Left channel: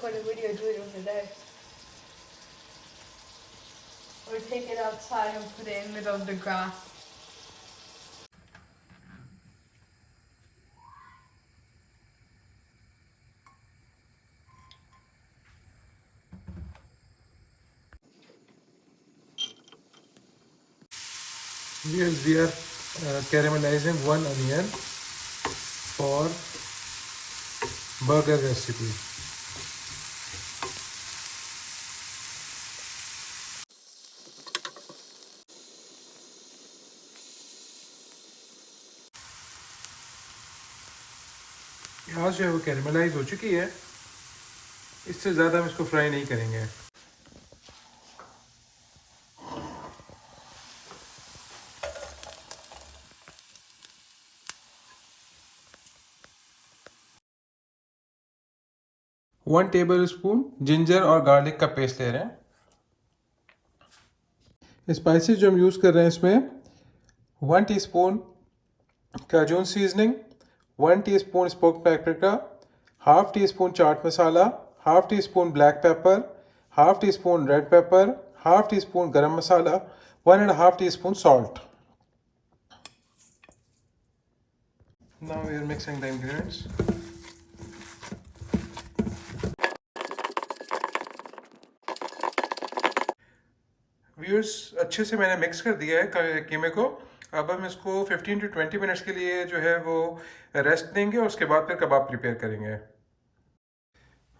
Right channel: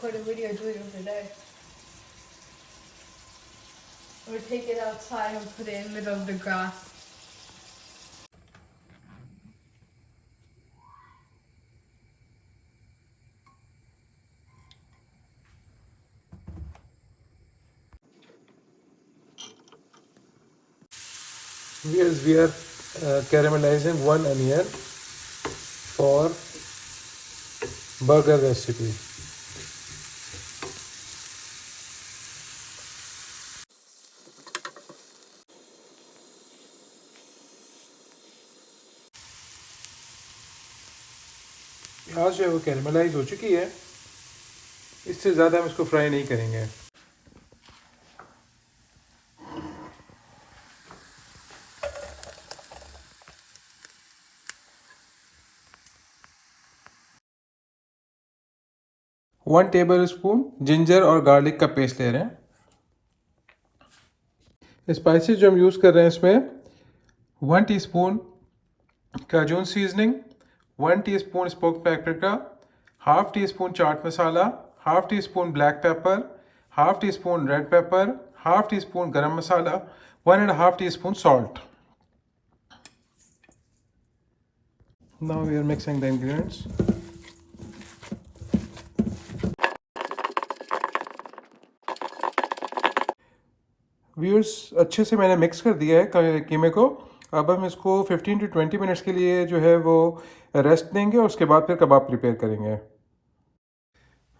Record a video doing it today. Or take it outside and put it in the middle of the grass. Yes, we are caramelizing one onion for burger recipe. प्याज जो है वो कैरेमलाइज हो चुकी है, इससे ज़्यादा हम इसको फ्राई नहीं करेंगे. वन टेबल स्पून जिंजर और गार्लिक का पेस्ट ले रहे हैं. स्पाइसेस जो हम यूज़ कर रहे हैं इसमें 1 teaspoon cajun seasoning, 1 teaspoon smoked paprika, half teaspoon chaat masala, half teaspoon black pepper, half teaspoon red pepper, half teaspoon garam masala, 1.5 teaspoon salt. Now we are mixing the ingredients. Viewers, अच्छे से मैंने मिक्स कर दिया है कीमे को. अब हम इसको 15 to 20 मिनट्स के लिए जो है वो रेस्ट देंगे और उसके बाद फिर कबाब प्रिपेयर करेंगे.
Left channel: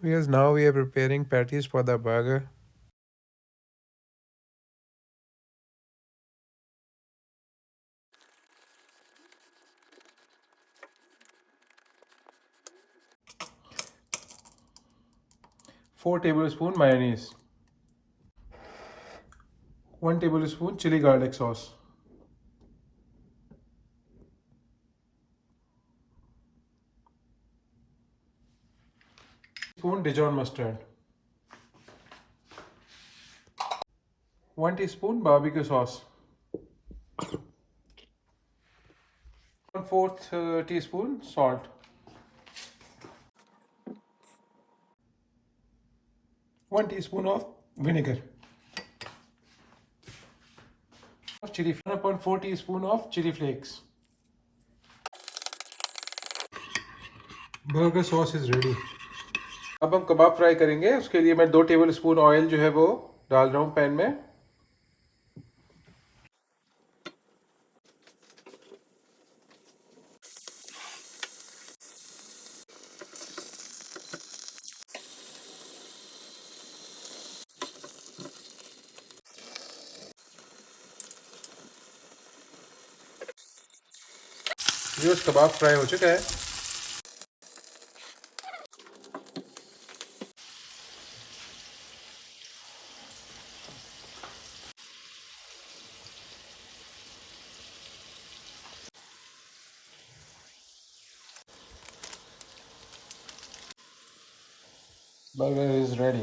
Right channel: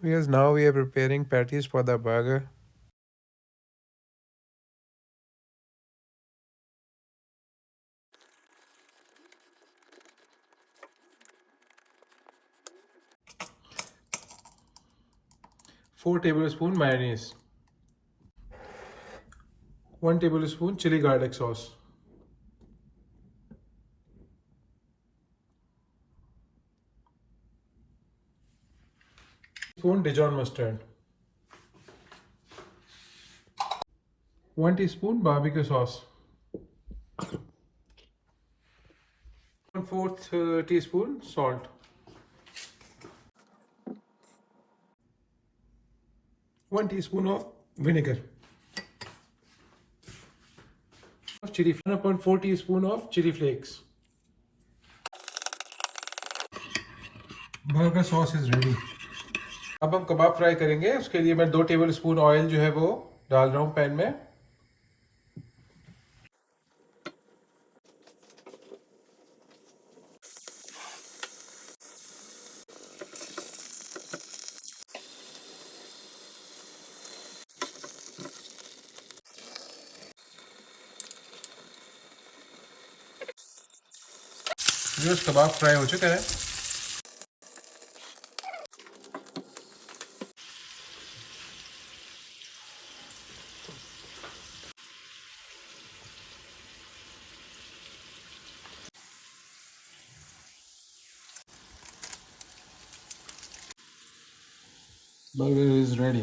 Viewers, now we are preparing patties for the burger. Four tablespoon mayonnaise, 1 tablespoon chili garlic sauce, spoon Dijon mustard, 1 teaspoon barbecue sauce, 1/4 teaspoon salt, 1 teaspoon of vinegar, chili, 1/4 teaspoon of chili flakes. Burger sauce is ready. अब हम कबाब फ्राई करेंगे. उसके लिए मैं 2 table spoon oil जो है वो डाल रहा हूँ पैन में. जो कबाब फ्राई हो चुका है. Burger is ready.